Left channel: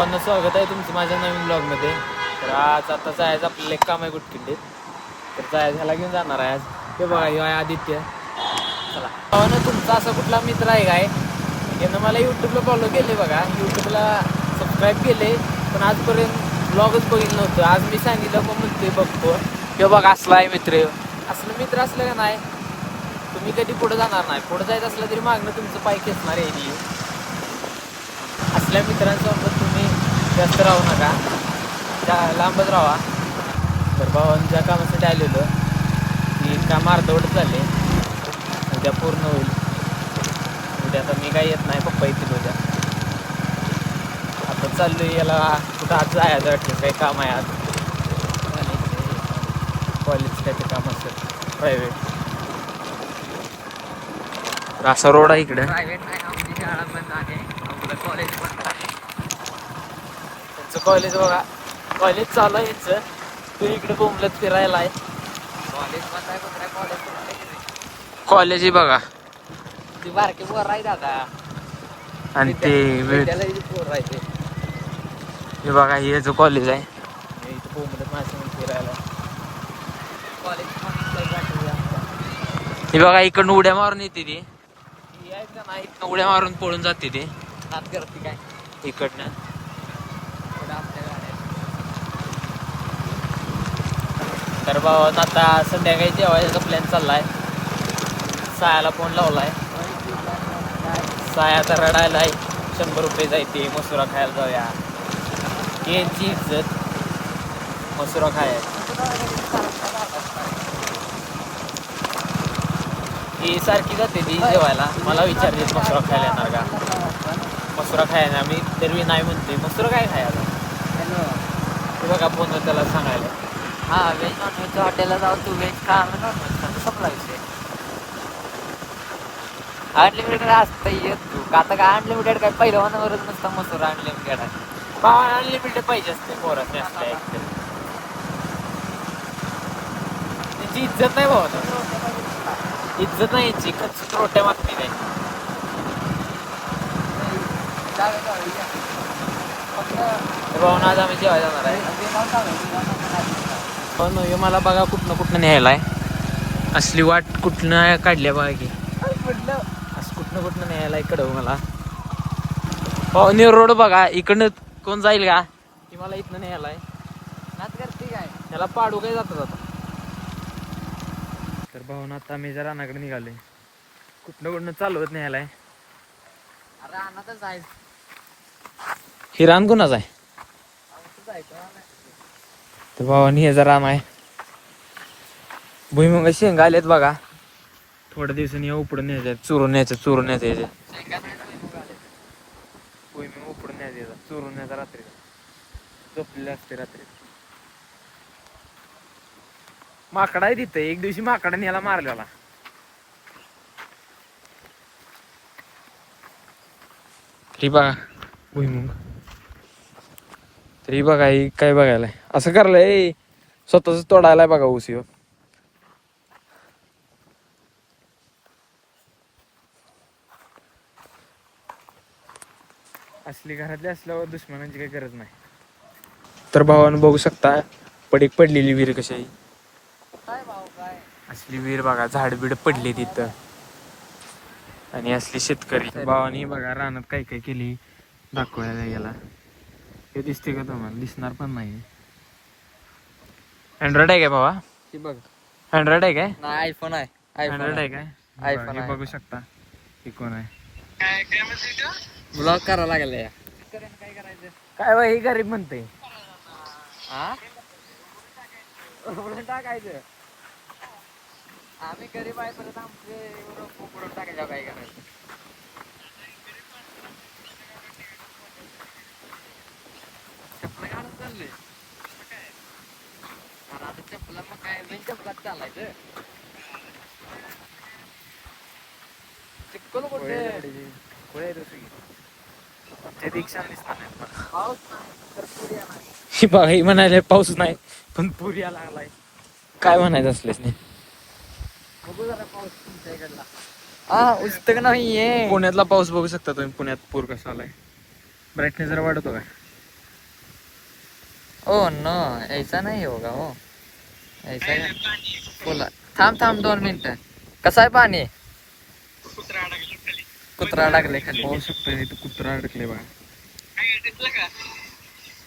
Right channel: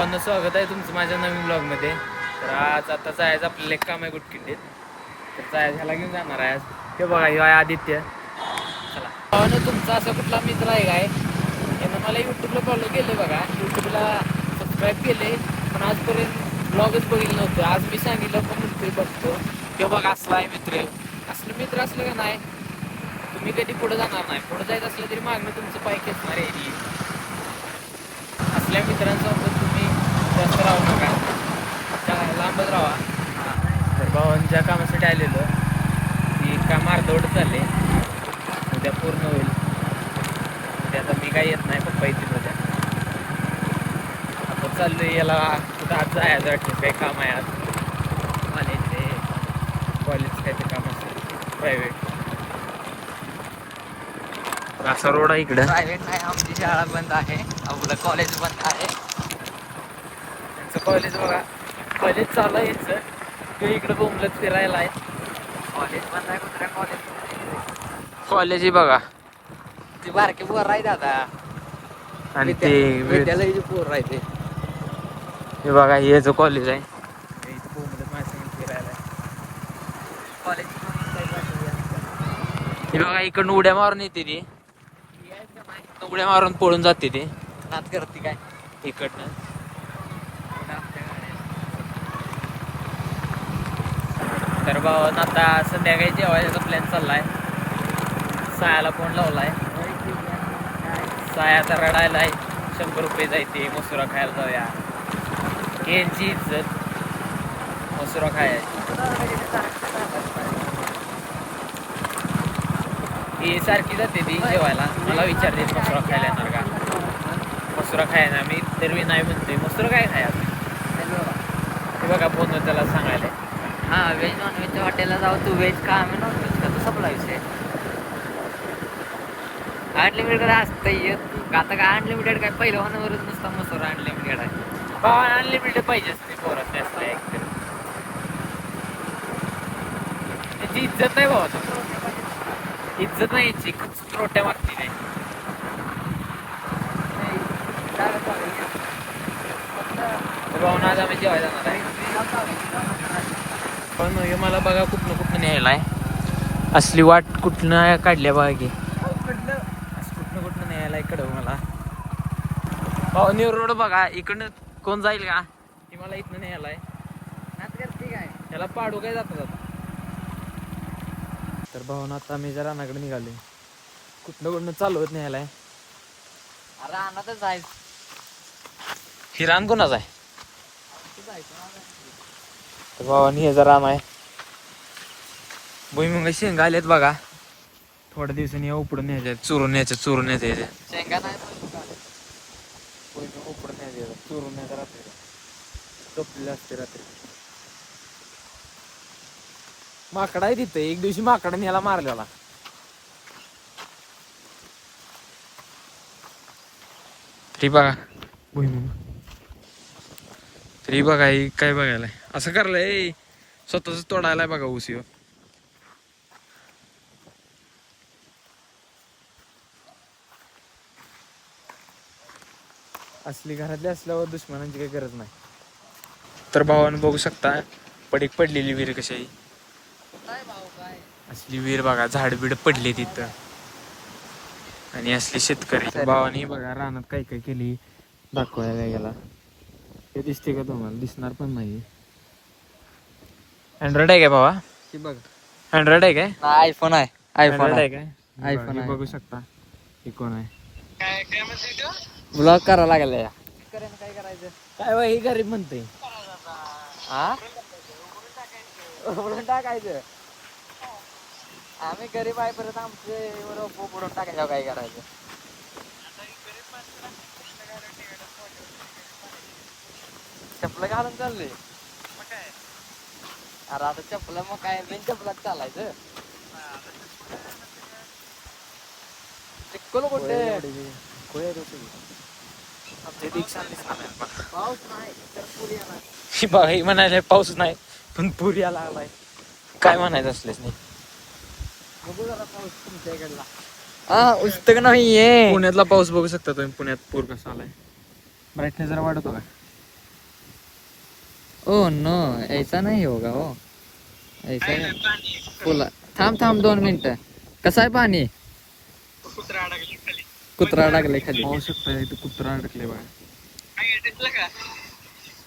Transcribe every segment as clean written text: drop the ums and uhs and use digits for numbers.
स्वागत आहे तुमचं माझ्या नवीन ब्लॉगमध्ये. तर आज आता जायचं आपल्याला एक काम आहे गुटकिल्लीत. तर जायचं ह्याला घेऊन जाणार आहे आज. ते बघा हे आहे आदित्य. चला तुमचा असा कुठला मित्र आहे काय यानं मला यूट्यूबला फॉलो केले बघा, यूट्यूबला सबस्क्राईब केले, पण आजपर्यंत ब्लॉगच बघितलं नव्हतं. आज मी सांगितलं पण मित्र बघतो ते बघा असला आहे मित्र. असलं मित्र असलं का नाही तुम्ही कधी पुढे जाणार नाही. पुढे जायचं असलं तरी मागणं तुमचं पाय खेचणार आहे. असल्या मित्रांसोबत तुम्ही जास्त राहू नका, लांबच राहा. तर भावांच्या कामासाठी आलेलो की काम अर्धवट चालले, उद्या पूर्ण होईल. उद्या आता मी काही येत नाही, पप्पा येतील उद्या. आपण चाललो याला कुठं आज जायचं वाटतं, काही काम आहे आज कॉलेज काहीतरी काम असेल प्रायव्हेट. असा रोड आहे इकडे. प्रायव्हेट आहे, आमची शाळा बंद आहे, आपलं कॉलेज बंद आहे. त्यांचं कॉलेज बघा, कॉलेज चालू आहे यांचं. ते इकडे बोंबलत फिरायला आहे. कॉलेज बंद आहे, कुत्र्या कॉलेज ही बघा. ती बारके पोर राहते आता, आणि ते हे बघा हे जो कॉलेज आहे बोंबलत माझं फिरायला. कॉलेज हे बघा इकडनं उड्या मारून येते ती, उड्या मारून पळून जाते ते करते काय इकडनं. पुढं आमच्या गाड्या. तर भावात आता संध्याकाळी जेवायचा प्लॅन चाललाय. सायाला फोन लावलाय. साया तर रडायलाय. 100 रुपये जायचे मसुरा खायला जाऊया. केळची इज्जत मसुरा खायला. ती सारखी जाते ती जेवायला. मला विचारते मसुरा खायला येणार का. मसुरा खायला मी तरी नाही म्हणते. मसुरा काय खायला. हॅलो, ते बघा फोन त्याला सांगायला. हां व्हेज नॉनव्हेजच्या हॉटेलला जाऊ, तू व्हेज खा आम्ही नॉनव्हेज खातो, संपला विषय. अनलिमिटेड असतं येत तू का आता काय अनलिमिटेड काय पहिलं होण्यावरच नसता मसूर अनलिमिटेड आहे. भावा अनलिमिटेड पाहिजे असते पोरात त्याची इज्जत नाही भावा. इज्जत नाही याची, खूप रोट्या मागते नाही. भावना आज आम्ही जेवायला जाणार आहे. पण हे मला बघा कुठनं कुठनं न्यायला आहे. असली वाट कुठनं काढल्या बघा की, कुठनं कुठनं न्यायला इकडं मला. हो न्यू रोड बघा, इकडनं कोण जाईल का की मला इथनं न्यायला आहे. ठीक आहे. त्याला पाडू काय जातात आता. तर भावना आता मी जरा रानाकडे निघाले. कुठनं कुठनं चालवत न्यायला आहे. रानातच जायचं. हे रान कुणाच आहे. जायचं भावानी हे जरा रान आहे. भुईमुग शेंगा आलेत बघा. थोड्या दिवसांनी उपडून न्यायचे, चुरून न्यायचे. शेंगा नाही भुईमुग उपडून न्यायचे, चुरून न्यायचा रात्रीला. झोपलेले असते रात्री. माकडा आहे तिथं. एक दिवशी माकडाने याला मारलेला. तरी बघा भुईमुग. तरी बघा काय बघायला असं करलंय, स्वतःच तोडायला बघा ऊसीवर. असली घरातली असल्यावर दुश्मनांची काही गरज नाही. तर भावानं बघू शकता पडीक पडलेली विहीर कशी आहे. काय भाऊ काय असली विहीर बघा, झाडबीड पडले तिथं. आणि असली शेतकरी भावानी बघा रानात काय काय केली दाखवायला गेला. हे दिसते का तुम्हाला. दिसणार पण नाही. अँड्रॉइड आहे काय भावा. ती बघ, अँड्रॉइड आहे काय. आयफोन आहे. अँड्रॉइड आहे काय. iPhone हे आहे. बघू शकता हे कोण आहे. ब्लॉग करावं लागेल या. काय करायचं. काय बा हे गरीब म्हणते. हा उडून टाकायचं. आम्ही गरीब आहे, परत आमचे उडून टाकायचं. काय करायचं. चपलं घालून चाललोय. अरे आता चपला मग काय बिन चपलात चालायचं. चिक्कल कुठे पाऊस नाही तर पुरी आला. म्हणाले पाऊस नाही पण पूर यायला लागलाय. काय म्हणायचं असलेच नाही. बघू जरा पाऊस तुमच्या इकडला. इथं का नाहीये. पुण्यातला पाऊस बघू शकता तुम्ही. पुण्यात पूर कसा आलाय. ब्राईटनेस जरा वाढतो का. ओ नो ऐसा नहीं होगा हो ऐसा बोला थांब 2 मिनिटं कसं आहे पाणी कुत्रा अडकले खाली पाहू शकता इथं कुत्रा अडकले बघा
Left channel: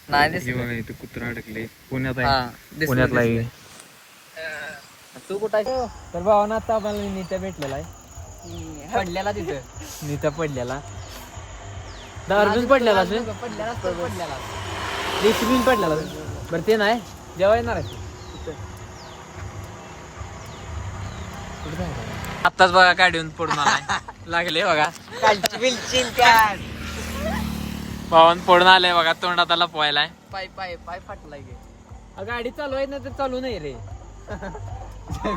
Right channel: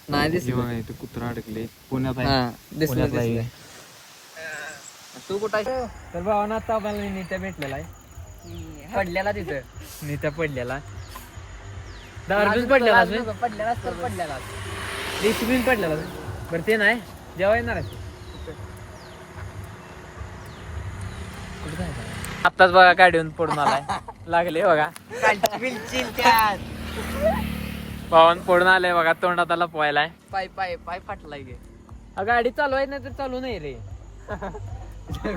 नाही हे दिसत बघा इथं कुत्रा अडकले पुण्यात आहे हा, दिसलं, पुण्यातला आहे दिसलं. तू कुठं आहेस? तर भावानं आता आम्हाला नित्या भेटलेला आहे पडलेला तिथं नित्या पडलेला दारूच पडलेला असेल पडलेला तर पडलेला रेसिपी पडलेला बरं ते नाही जेव्हा येणार आहे आत्ताच बघा गाडीवरून पडून आलाय लागले बघा भावान पडून आलाय बघा तोंडात आला पोहायलाय पाय फाटलाय गे गाडी चालवायची नाही तर चालू नाही रे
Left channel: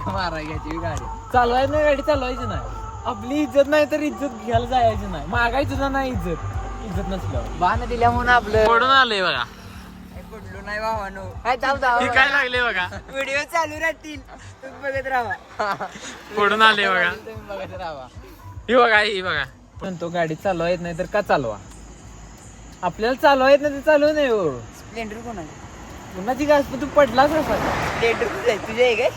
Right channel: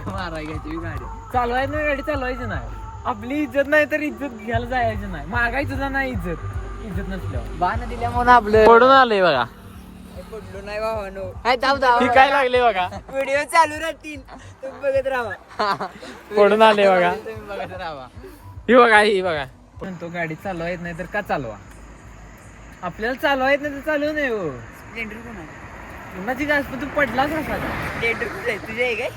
मारा घ्यायची गाडी चालवायची नाही गाडी चालवायची नाही आपली इज्जत नाही तर इज्जत घ्यायला जायची नाही मागायची सुद्धा नाही इज्जत नसल्यावर बाण दिल्या म्हणून आपलं पडून आले बघा पडलो नाही भावानो ती काय लागले बघा व्हिडिओ चालू राहतील तुम्ही बघत राहा पडून आले बघा ही बघा पण तो गाडी चालवा येत नाही तर का चालवा आपल्याला चालवा येत नाही तर चालू नाही हो स्प्लेंडर कोण आहे कुणाची गाडी पण तू पडलाच असा का स्प्लेंडर कुठे आहे तुझे आहे काय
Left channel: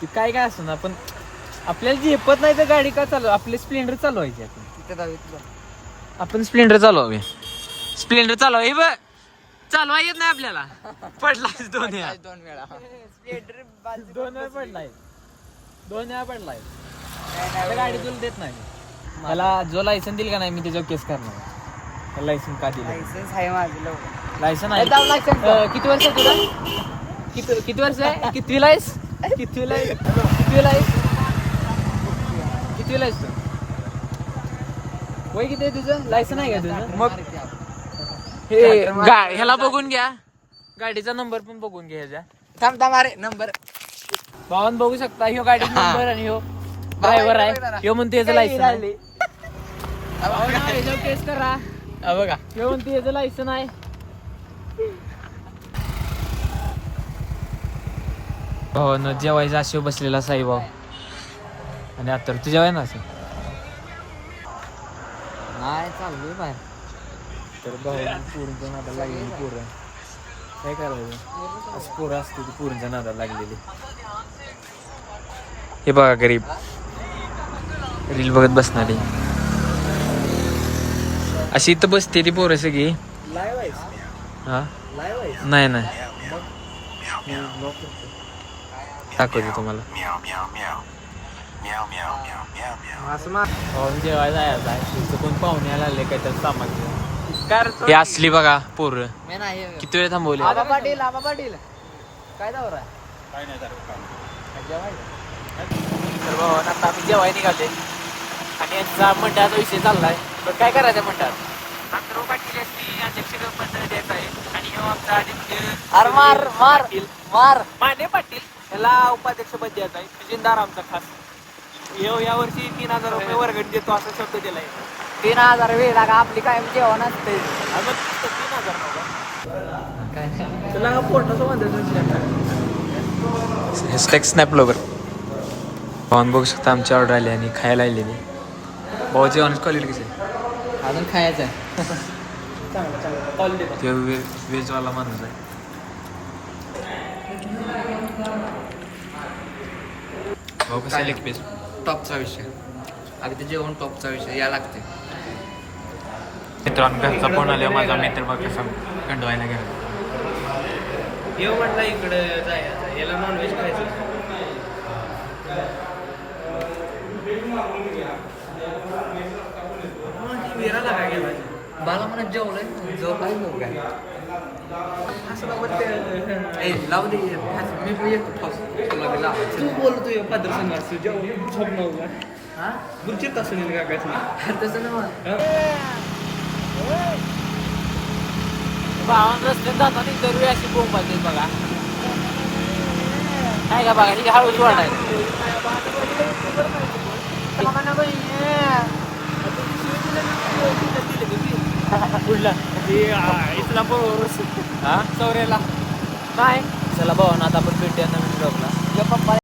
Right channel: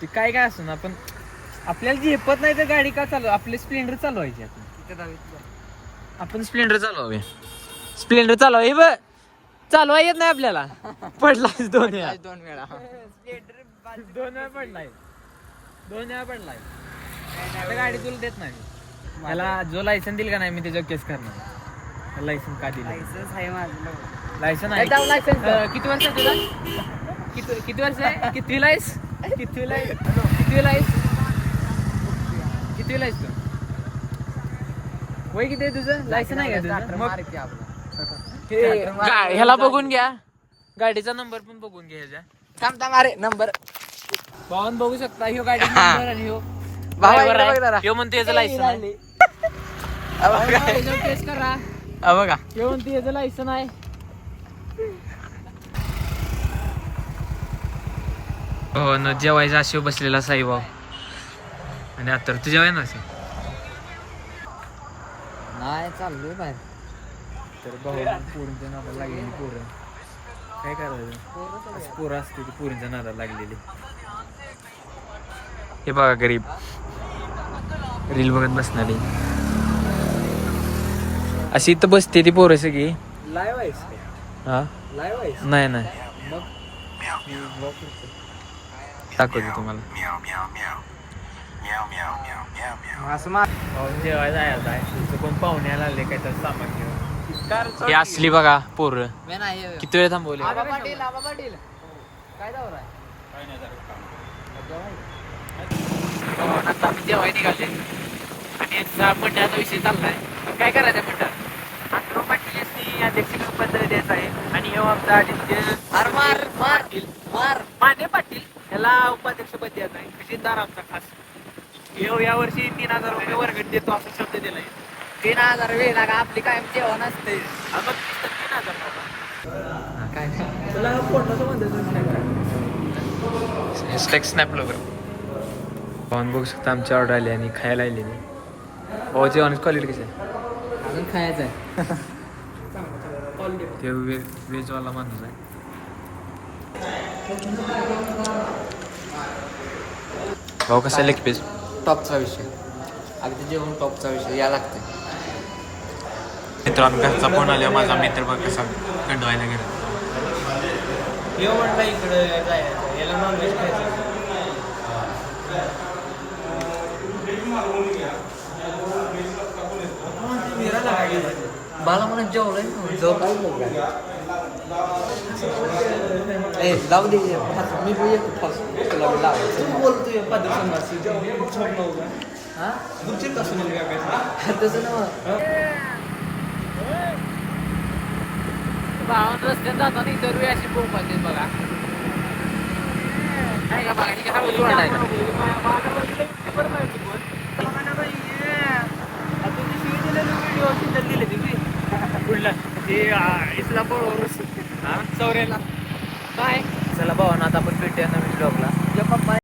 ती काय असं ना पण आपल्याला झेपत नाही तर गाडी का चालू आपली स्प्लेंडर चालवायची आपण तिथं जाऊ आपण स्प्लेंडर चालवावे स्प्लेंडर चालवा हे बघ चालवा येत नाही आपल्याला पडलाच 2 वेळा 2 वेळा स्प्लेंडर 2 वेळा पडलाय 2 वेळा पडलाय आता गाडी तुला देत नाही मी. मला जो लायसन दिल का नाही मी त्याच्यावर केस करणार लायसन का दिलं लायसन्स आहे माझं लायसन ए, जाऊ license जाऊ. किती वर्ष आहे तुला किती वर्ष आहे कितवीला आहेस कितवीला आहेस तू वय किती आहे तुझं लायसन आहे का तुझं मग ह्याला बघून घ्या गाडीचा नंबर पण बघून घ्या ह्याचा थांब अरे नंबर भावान बघू शकता ह्यो गाडी नंबर आणि ह्यो भावा, driver इकडे आहे. बघ जरा. ह्यो म्हणते याचं लायसन आहे. ह्याच्यावर केस करा बघा ह्यो म्हणते याचं लायसन आहे हो न जेवायचा असे बसलेला साईभाऊ आणि आता तू जेवाय ना असे नाही चाललोय बाहेर तर भाऊ पोरींच्या नादाला लागलेली पोरं काय करायचं अशी पोरं असते ती पोरींच्या नादाला लागलेली हे बघा गरीब रील बघत बसणारी अशी इथं बसते ती पोरं सगळी लाईव्ह आहेस हा लाईव्ह आहेस नाही नाही मग मी ब्लॉक करतो दाखवते तुम्हाला असं मार पाहून जेवायला जायचं आहे तिथं कोण पाहुण्याला आले काय तर सामान घेऊन हे असली बघा पोरं मी नाही किती वेळ थांबवली आबा पाटील काय दौरा आहे तर भावानं आता आम्ही जेवाय निघाले आणि यांचा मंडळाचा विषय चाललाय पण काय करायचं म्हणतात आंतरो पाटील यांनी अध्यक्ष पद द्यायचं आहे आणि हे आमचा आदित्य अरे मार पाटील मार माने पाटील याला उपाध्यक्ष पद द्यायचं आहे खजिनदार आमचा खास या वर्षी 3,000 रुपये वर्गणी देतो असा शब्द दिलाय 3,000 वेळ लागा आपली कायम जेवण असते अगं 3,000 नव्हता तुला हा फोटोचं हॅशटॅग स्नॅप ब्लॉगर पाहून बघू शकता आमची ऑर्डर आली आणि खायला आलेली भाऊ जेवणाची क्वालिटी कशी आहे अजून खायचं आहे ते व्हेजवाला माणूस आहे भाऊ कसा लेग पीस टॉपचा विषय अगदी जेवण टॉपचा विषय या लागते मित्रांनो घरचा फोन आल्यावर माझा मित्र बघ कसा गंडवायला गेला म्हटलं इकडे जायचं याला नॉनव्हेज खायचं बाला म्हणून जेवढं लावू दे मी पण येतो तू बोलतो पदर संघास जेवण हा बुलचित सुनील का काय तसं ना भावान रस्त्यात जाताना जरूर अशी बोंब आली बघा काय का बघा ही हळूची वाटायला कुठला इस्लामपूर चौऱ्याला काय चला भावानं आता आपण भेटूया नवीन ब्लॉगला